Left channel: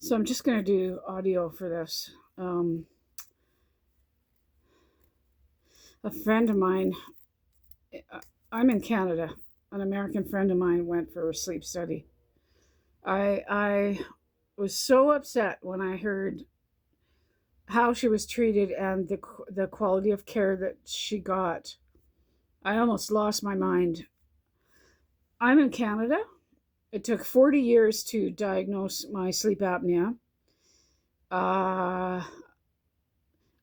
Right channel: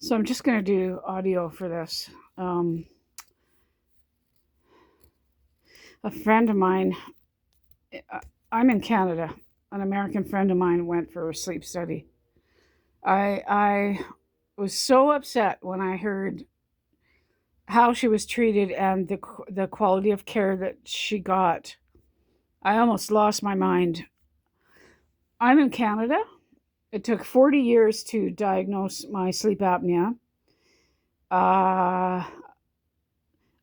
So I'm just going to do audio for this. Um, a friend of mine, uh, I'm in Canada. An American friend of mine went for a sleep study. I was so upset when I heard how she was treated and the quality of care that she got. I almost lost my mind. I'm in Canada. It took 40 years to diagnose my sleep apnea. Uh,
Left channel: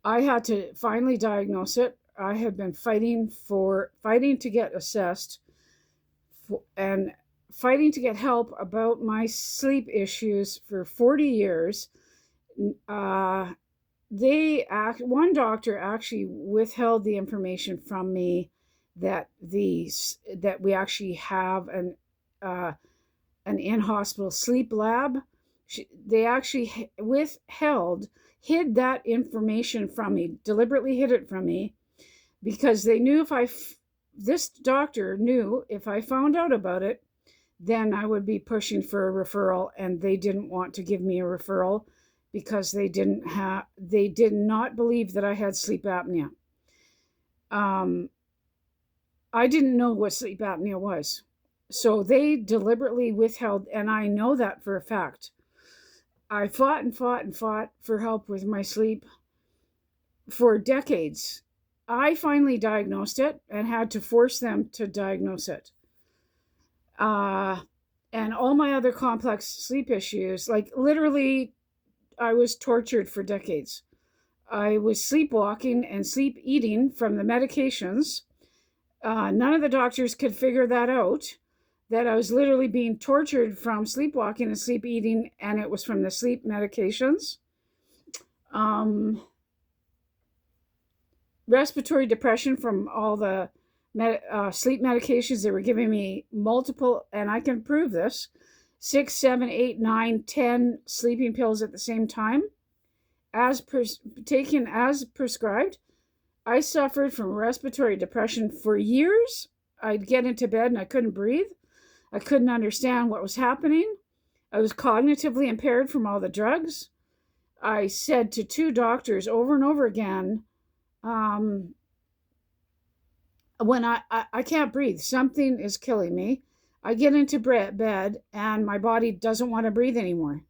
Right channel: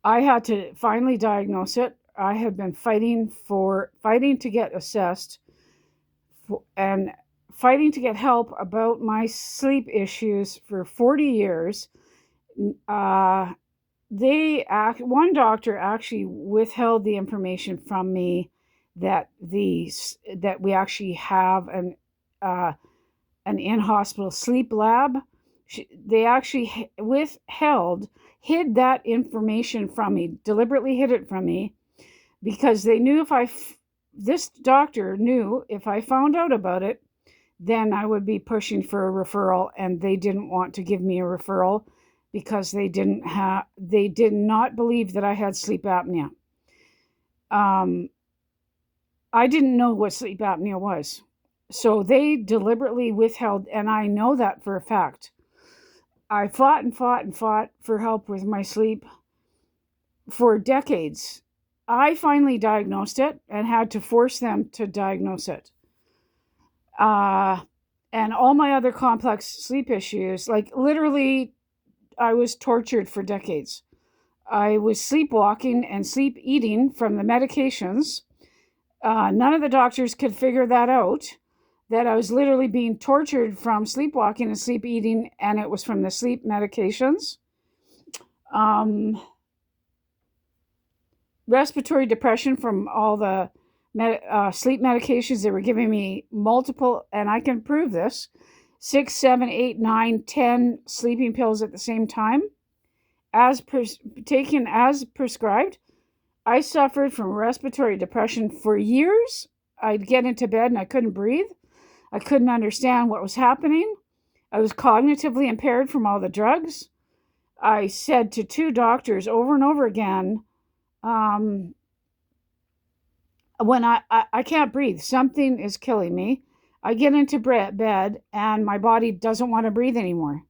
I had to finally diagnose it. I had been fighting to get assessed and fighting to get help about my sleep issues for 40 years. Uh, one doctor actually withheld the information from me that we actually have uh, an in-hospital sleep lab. They actually hid that information from me, deliberately hid it from me, because they knew this doctor knew if I found out about it, then I would be pushing for a referral, and they didn't want to give me a referral because they did not believe that I had sleep apnea. Um, I didn't know what sleep apnea was. So they deliberately withheld, and I know that for a fact. I fought and fought and fought for help with my sleep for decades. I finally diagnosed it and had to force them to diagnose it. Uh, and all my other complex sleep issues, like literally, I was tortured for decades. I was sleepwalking and sleep eating from the medications. None of the doctors could figure that out, that I was literally being tortured from sleepwalking and sleep eating, and it was from the sleep medications. Um, Respiratory depression from all the sleep medications. They were giving me multiple, and I can prove this, 6, 7, 8, 9, 10 sleeping pills at the same time, taken as prescribed. I suffered from respiratory depression for years. I'd get into bed and I couldn't breathe. I couldn't understand what was happening. I was cognitively impaired from all the drugs. I said to two doctors over and over again, um, when I can't breathe, something is killing me. I get into bed and my body doesn't want to breathe anymore.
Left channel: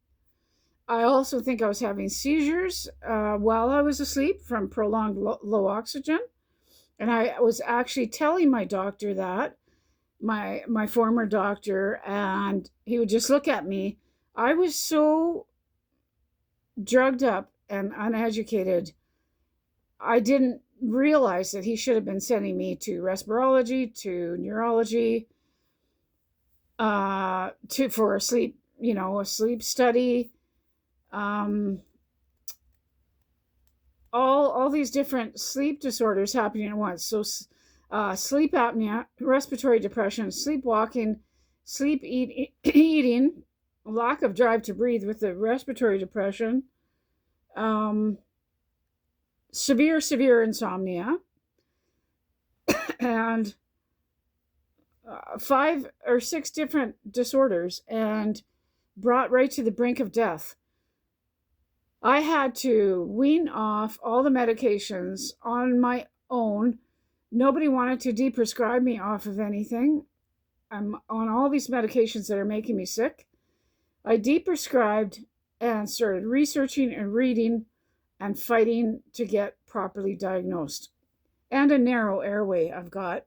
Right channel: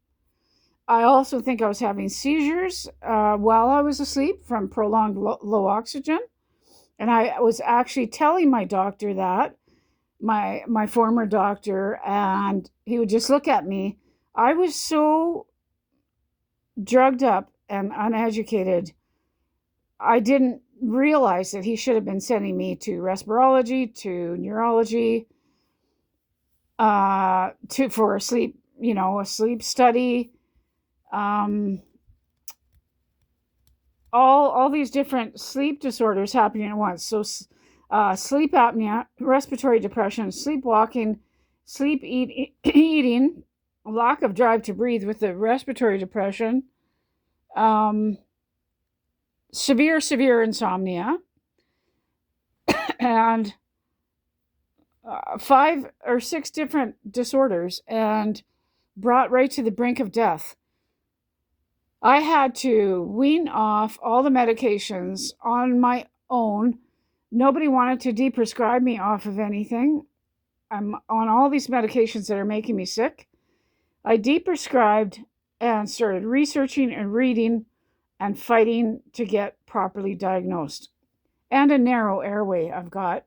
I also think I was having seizures while I was asleep from prolonged low oxygen. And I was actually telling my doctor that, my former doctor, and he would just look at me. I was so drugged up and uneducated. I didn't realize that he should have been sending me to respirology, to neurology, for a sleep study. Um, all these different sleep disorders happening at once. So, sleep apnea, respiratory depression, sleepwalking, eating, lack of drive to breathe with the respiratory depression, um, severe insomnia, and 5 or 6 different disorders, and brought right to the brink of death. I had to wean off all the medications on my own. Nobody wanted to deprescribe me off of anything. I'm on all these medications that are making me sick. I deprescribed and started researching and reading and fighting to get properly diagnosed. And a narrow airway I've got.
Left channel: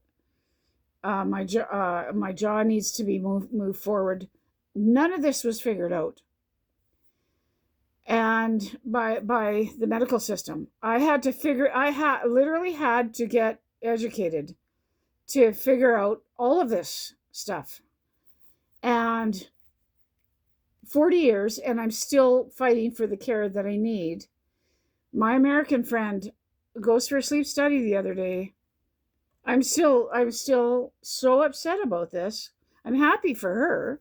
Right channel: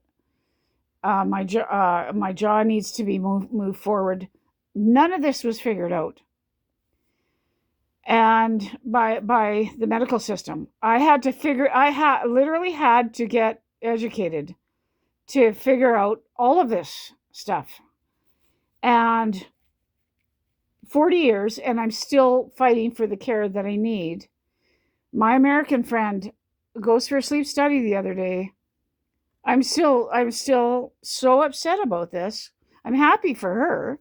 My jaw needs to be moved forward. None of this was figured out, and by the medical system. I literally had to get educated to figure out all of this stuff. And 40 years, and I'm still fighting for the care that I need. My American friend goes for a sleep study the other day. I'm still so upset about this. I'm happy for her,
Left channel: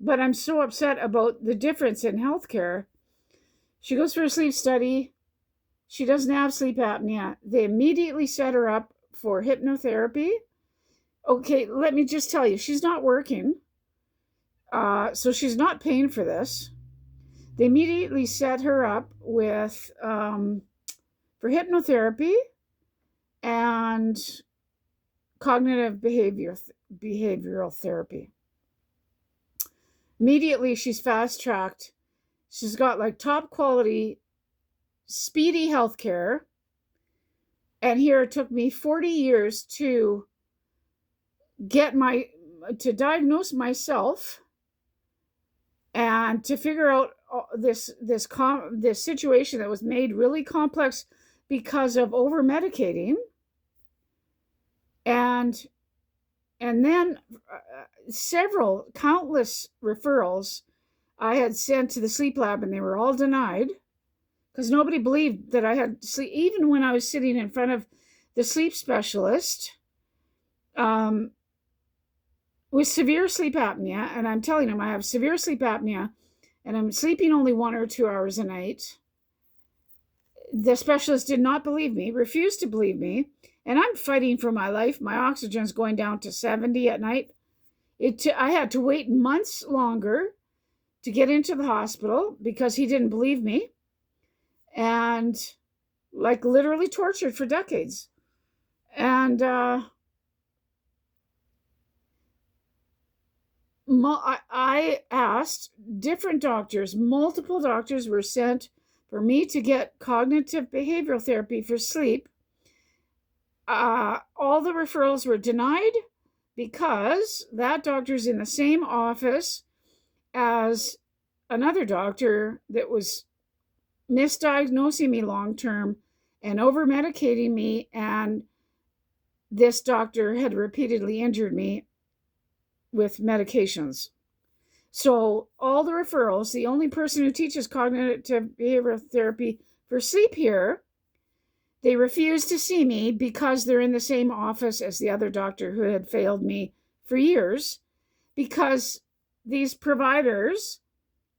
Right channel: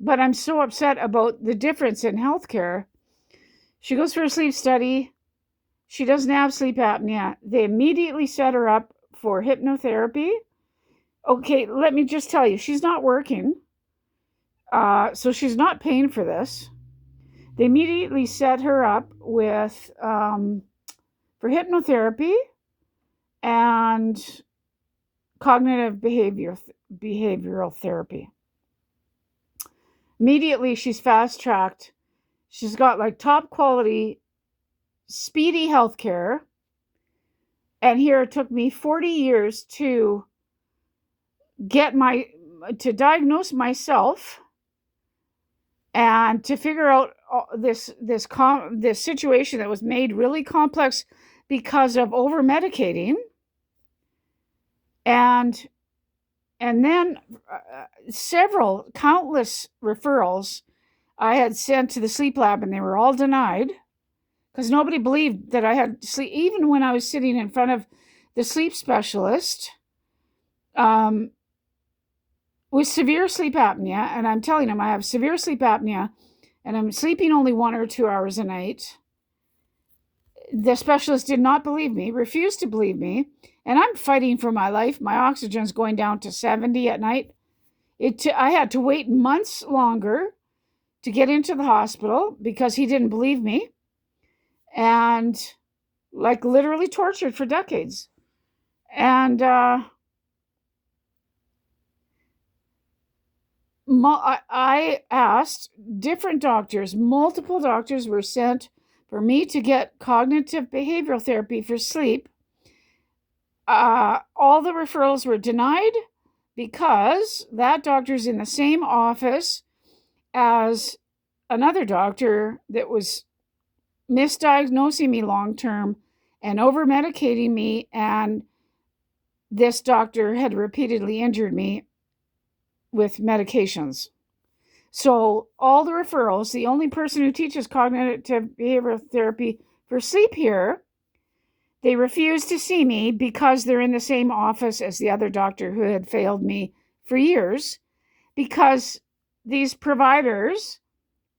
but I'm so upset about the difference in healthcare. She goes for a sleep study. She doesn't have sleep apnea. They immediately set her up for hypnotherapy. Okay, let me just tell you, she's not working. So she's not paying for this. They immediately set her up with for hypnotherapy and cognitive behavioral therapy. Immediately, she's fast tracked. She's got like top quality, speedy healthcare. And here it took me 40 years to diagnose myself and to figure out this situation that was made really complex because of over medicating, and then countless referrals I had sent to the sleep lab, and they were all denied because nobody believed that I had sleep. Even when I was sitting in front of the sleep specialist with severe sleep apnea, and I'm telling him I have severe sleep apnea and I'm sleeping only 1 or 2 hours a night, the specialist did not believe me, refused to believe me, and I'm fighting for my life. My oxygen's going down to 70 at night. I had to wait months longer to get into the hospital because he didn't believe me, and like literally tortured for decades. And I asked different doctors, multiple doctors were sent for me to get cognitive behavioral therapy for sleep. All the referrals were denied because that doctor's in the same office as another doctor that was misdiagnosing me long-term and over-medicating me, and this doctor had repeatedly injured me with medications. So all the referrals, the only person who teaches cognitive behavioral therapy for sleep here, they refuse to see me because they're in the same office as the other doctor who had failed me for years, because these providers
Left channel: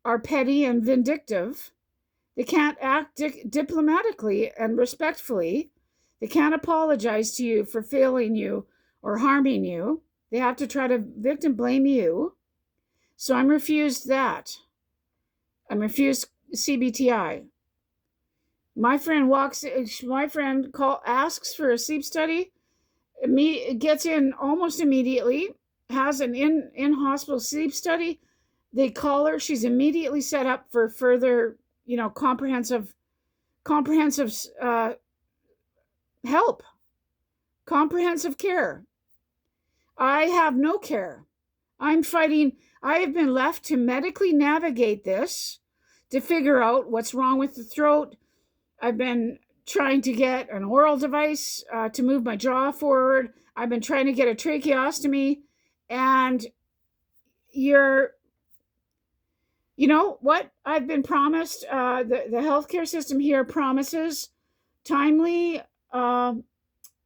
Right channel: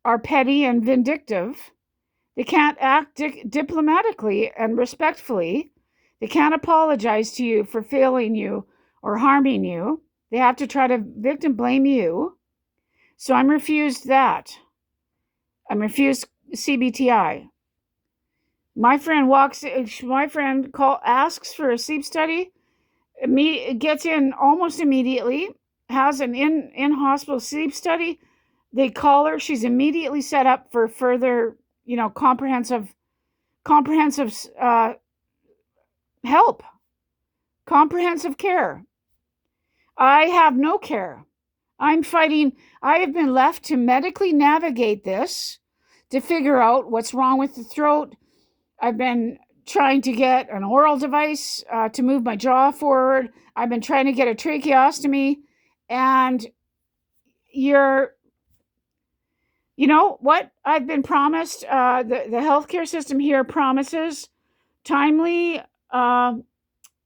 are petty and vindictive. They can't act diplomatically and respectfully. They can't apologize to you for failing you or harming you. They have to try to victim blame you. So I'm refused that. I'm refused CBTI. My friend asks for a sleep study, gets in almost immediately, has an in-hospital sleep study. They call her. She's immediately set up for further, comprehensive help, comprehensive care. I have no care. I'm fighting. I have been left to medically navigate this, to figure out what's wrong with the throat. I've been trying to get an oral device to move my jaw forward. I've been trying to get a tracheostomy. And what I've been promised, the healthcare system here promises timely,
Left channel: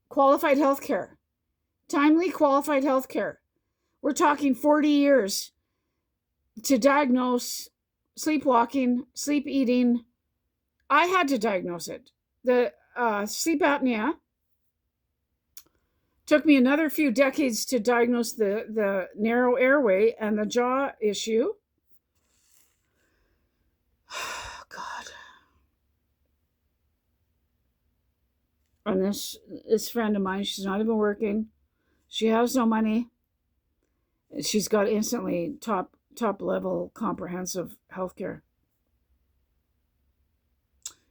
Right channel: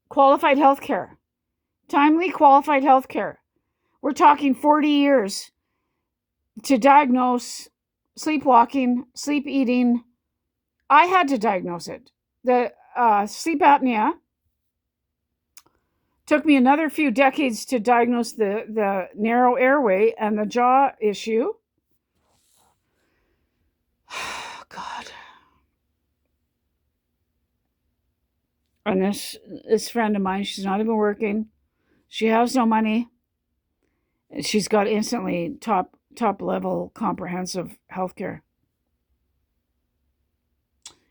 qualified healthcare. Timely, qualified healthcare. We're talking 40 years to diagnose sleepwalking, sleep eating. I had to diagnose it. The sleep apnea took me another few decades to diagnose the narrow airway and the jaw issue. God. And this friend of mine, she's not even working. She has no money. She's got instantly top level comprehensive healthcare.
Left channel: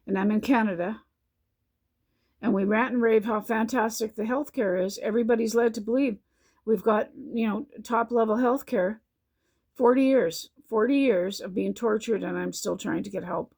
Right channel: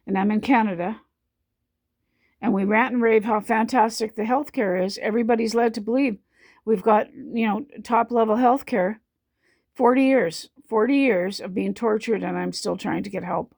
And I'm in Canada. And we rant and rave how fantastic the healthcare is. Everybody's led to believe we've got, top level healthcare. 40 years of being tortured, and I'm still trying to get help.